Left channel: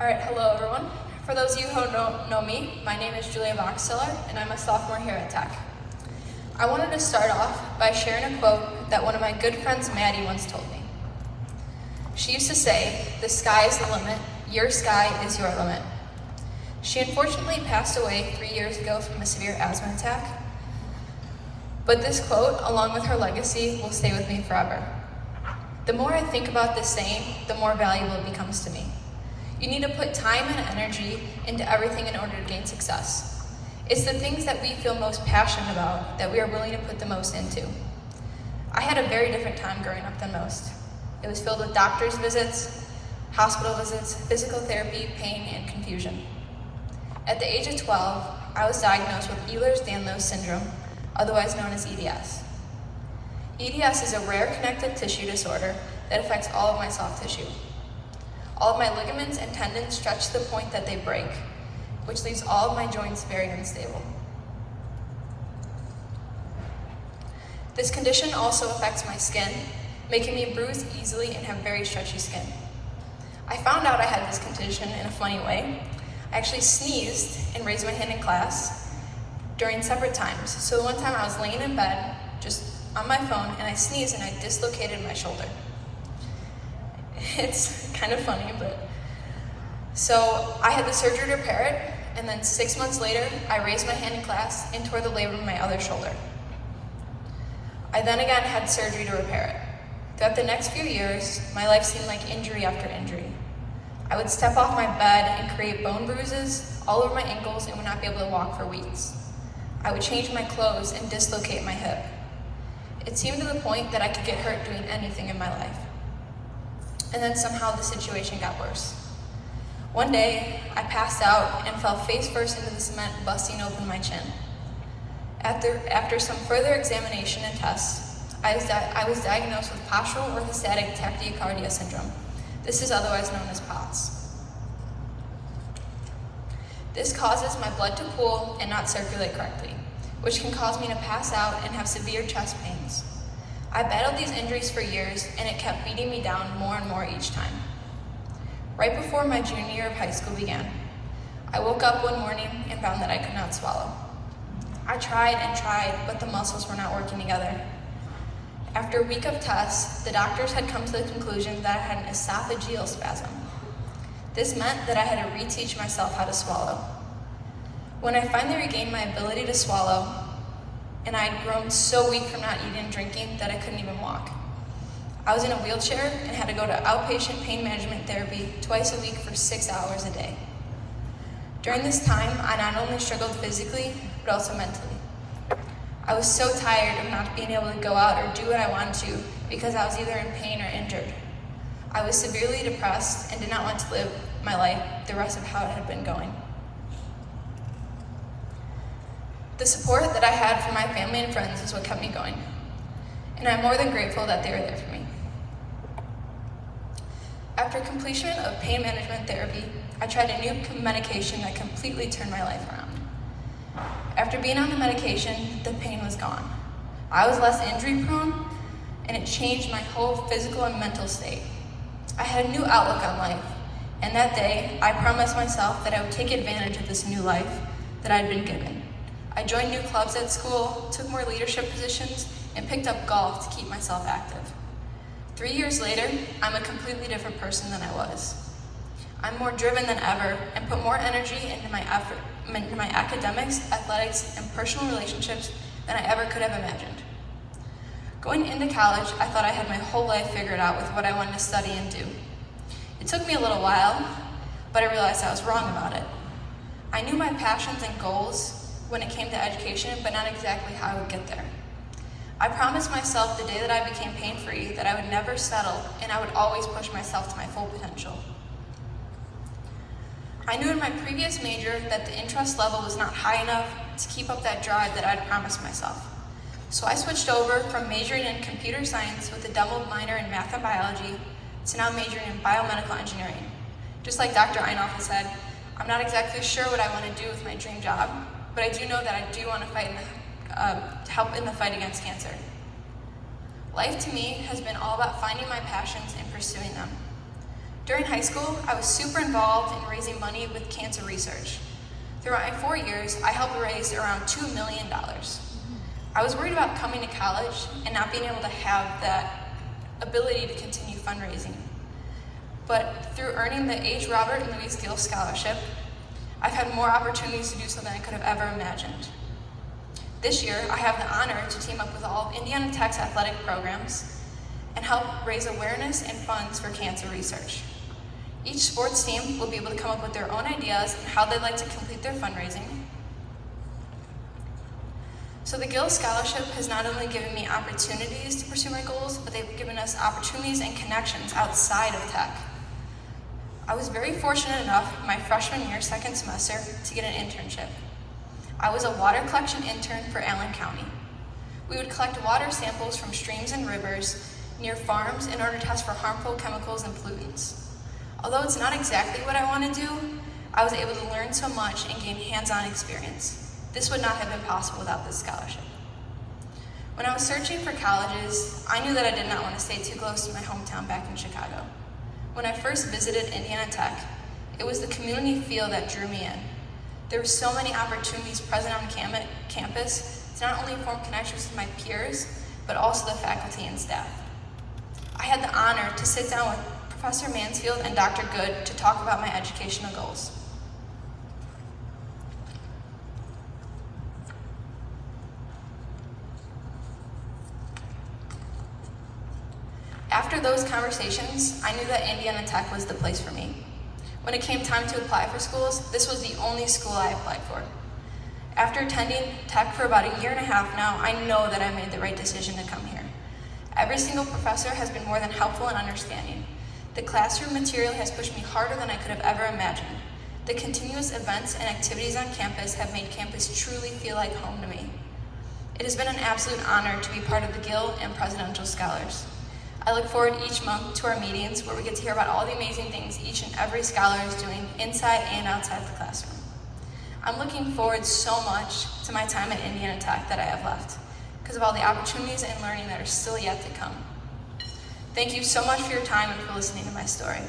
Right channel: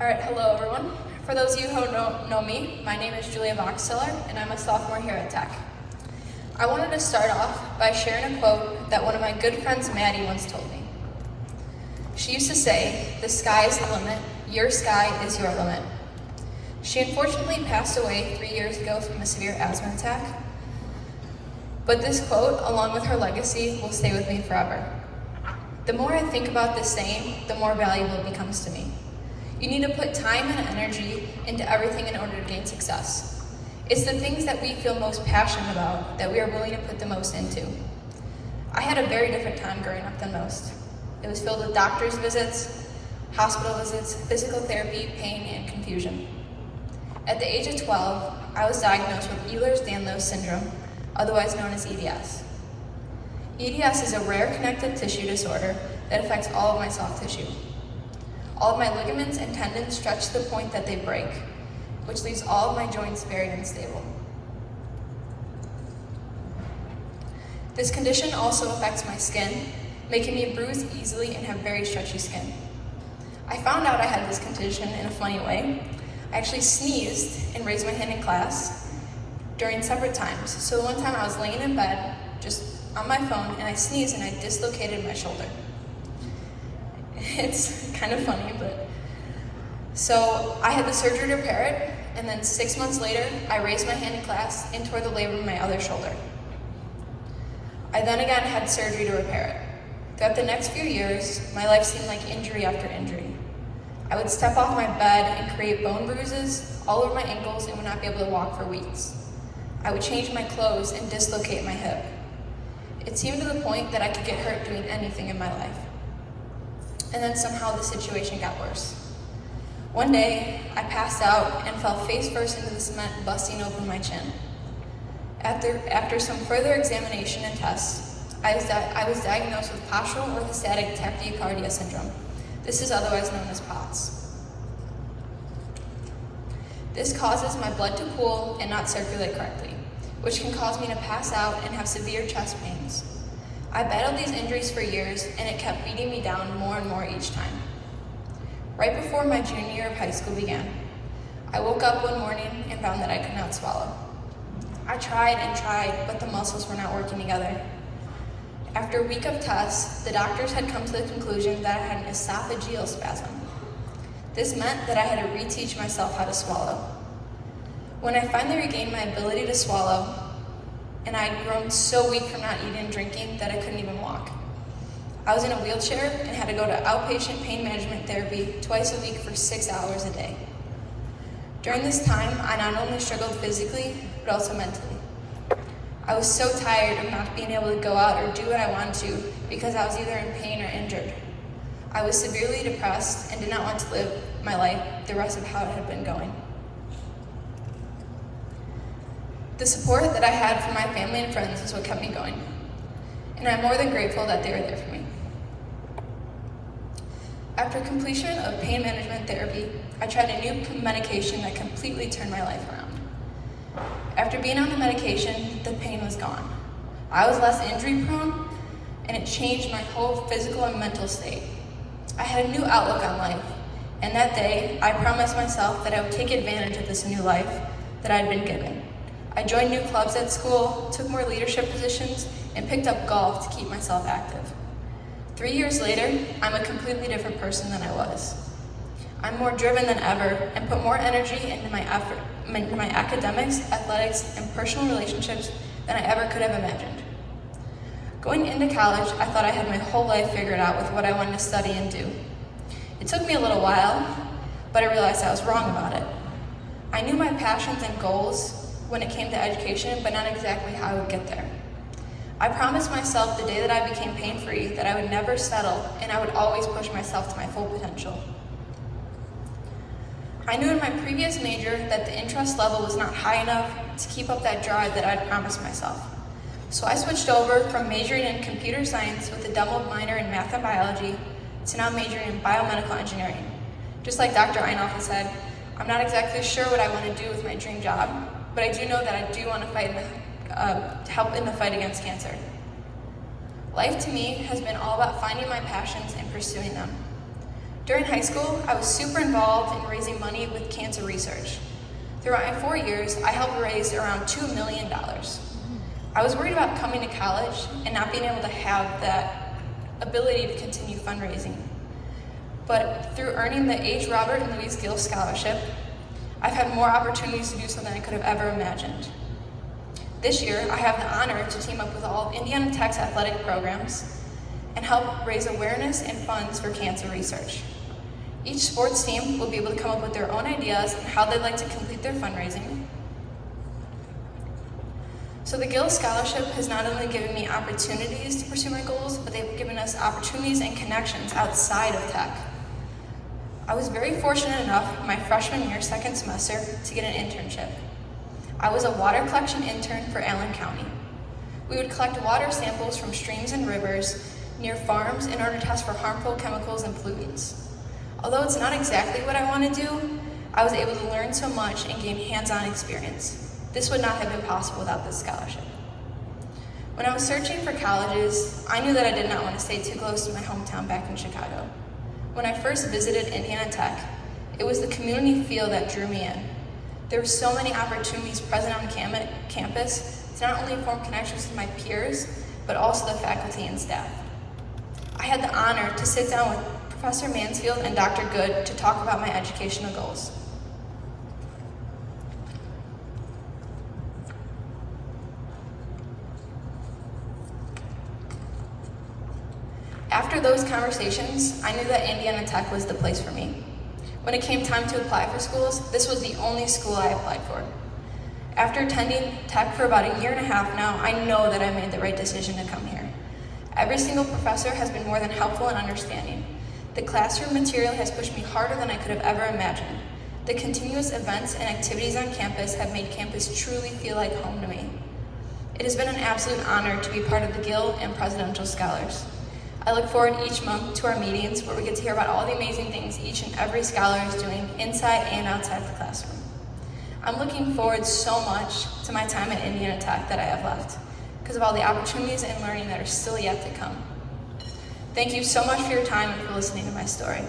Alright, hello everyone. For those of you who don't know me, my name is Bockstahler, and I'm a sophomore here at Tech. I wanted to start off by sharing a quote that one of my good friends Maddie once told me. She used to say, "The sky is the limit, your sky is your limit." She unfortunately passed away 3 years ago from a severe asthma attack, but this quote, along with her legacy, will stay with me forever. The more I think about this saying, the more valuable it becomes to me. You need to put time and energy into everything in order to gain success. It's the things that we feel most passionate about that we are willing to put the most into. I had a very different time growing up than most. It was filled with doctor's visits, hospital visits, physical therapy, pain, and confusion. At the age of 12, I was diagnosed with Ehlers-Danlos syndrome, otherwise known as EDS. EDS is a rare connective tissue disorder that affects all of my soft tissue. All of my ligaments and tendons stretch to the point that they break, which leaves all of my joints very unstable. This condition also affects my skin, making me bruise easily and have very stretchy skin. I found out I had this condition in a funny way. I actually sneezed and raised my hand in class during separate times. So one time I was laying in bed, just on my phone, and I sneezed and I dislocated my shoulder. It's kind of funny, but so I had the surgery to repair it, and then 6 months later, I raised my hand in class and tore the labrum in my other shoulder. I then again had surgery to repair it. Throughout the next few years, my life seemed like injury after injury. I would step off my bed and create bone bruises all over my ankles and would not be able to walk for weeks. I would change my clothes and dislocate my hip. It seemed to the point that I could get hurt doing anything in my life. And then somehow the situation got worse. One day, I passed out and fell face first into the cement, busting open my chin. After some further examination and tests, I was diagnosed with postural orthostatic tachycardia syndrome. This is otherwise known as POTS. This causes my blood to pool and not circulate correctly, which can cause me to pass out and have severe chest pains. I battled these injuries for years, and it kept beating me down more and more each time. Right before my junior year of high school began, I woke up one morning and found that I could not swallow. I tried and tried, but the muscles were not working together. After a week of tests, the doctors had come to the conclusion that I had an esophageal spasm. This meant that I had to reteach myself how to swallow. When I finally regained my ability to swallow, and I had grown so weak from not eating and drinking that I couldn't even walk. I was in a wheelchair and had to go to outpatient pain management therapy twice a week for 6 hours a day. During this time, I not only struggled physically, but also mentally. I was so tired of not being able to go out or do what I wanted to because I was either in pain or injured. I was severely depressed and did not want to live my life the rest of how it had been going. The support that I had from my family and friends is what kept me going, and I'm more than grateful that they were there for me. After completion of pain management therapy, I tried a new medication that completely turned my life around. After being on the medication, the pain was gone. I was less injury prone, and it changed my whole physical and mental state. I had a new outlook on life, and that day, I promised myself that I would take advantage of this new life that I'd been given. I joined new clubs at school, took more leadership positions, and picked up golf to keep myself active. 3 years later, I'm a completely different person than I was. I'm more driven than ever and put more energy into my academics, athletics, and personal relationships than I ever could have imagined. Going into college, I thought I had my whole life figured out with what I wanted to study and do. It took me a little while, but I realized I was wrong about it. I knew my passions and goals when it came to education, but not exactly how I would get there. I promised myself the day that I became pain-free that I would never settle and I would always push myself to my full potential. I knew in my previous major that the interest level was not high enough to keep up that drive that I'd promised myself. So I switched over from majoring in computer science with a double minor in math and biology to now majoring in biomedical engineering. Just like Dr. Einoff has said, I'm not exactly sure what I want to do with my dream job, but I do know that I do want to help in the fight against cancer. Life to me has been all about finding my passions and pursuing them. During high school, I was super involved in raising money with cancer research. Throughout my 4 years, I helped raise around $2 million. I was worried about coming to college and not being able to have that ability to continue fundraising. But through earning the H. Robert and Louise Gill Scholarship, I've had more opportunities to do so than I could have ever imagined. This year, I have the honor to team up with all of Indiana Tech's athletic programs and help raise awareness and funds for cancer research. Each sports team will be able to come up with their own ideas on how they'd like to complete their fundraising. So the Gill Scholarship has not only given me opportunities to pursue my goals, but they've given us opportunities and connections outside of tech. I was very fortunate enough my freshman year, second semester, to get an internship. I was a water collection intern for Allen County. We would collect water samples from streams and rivers near farms in order to test for harmful chemicals and pollutants. Although it's not exactly what I want to do, I was able to learn so much and gain hands-on experience. This would not have been possible without this scholarship. When I was searching for colleges, I knew that I did not want to stay too close to my hometown back in Chicago. When I first visited Indiana Tech, it was the community feel that drew me in. There were so many opportunities present on campus to not only form connections with my peers, but also the faculty and staff. I had the honor to sit down with Professor Mansfield and Dr. Good to talk about my educational goals. After those conversations, I knew that Indiana Tech was the place for me. When it came time to apply for schools, this was the only school I applied for. After attending Tech for about a year and a half now, I know that I made the right decision to come here. Every single professor has been more than helpful and understanding. The classroom material has pushed me harder than I could have ever imagined. The continuous events and activities on campus have made campus truly feel like home to me. It has been an absolute honor to be part of the Gill and Presidential Scholars. I look forward each month to our meetings where we get to hear about all the amazing things each and every scholar is doing inside and outside the classroom. I'm looking forward so much to my time at Indiana Tech that I have left because of all the opportunities and learning that are still yet to come. Thank you so much for your time and for listening to my story.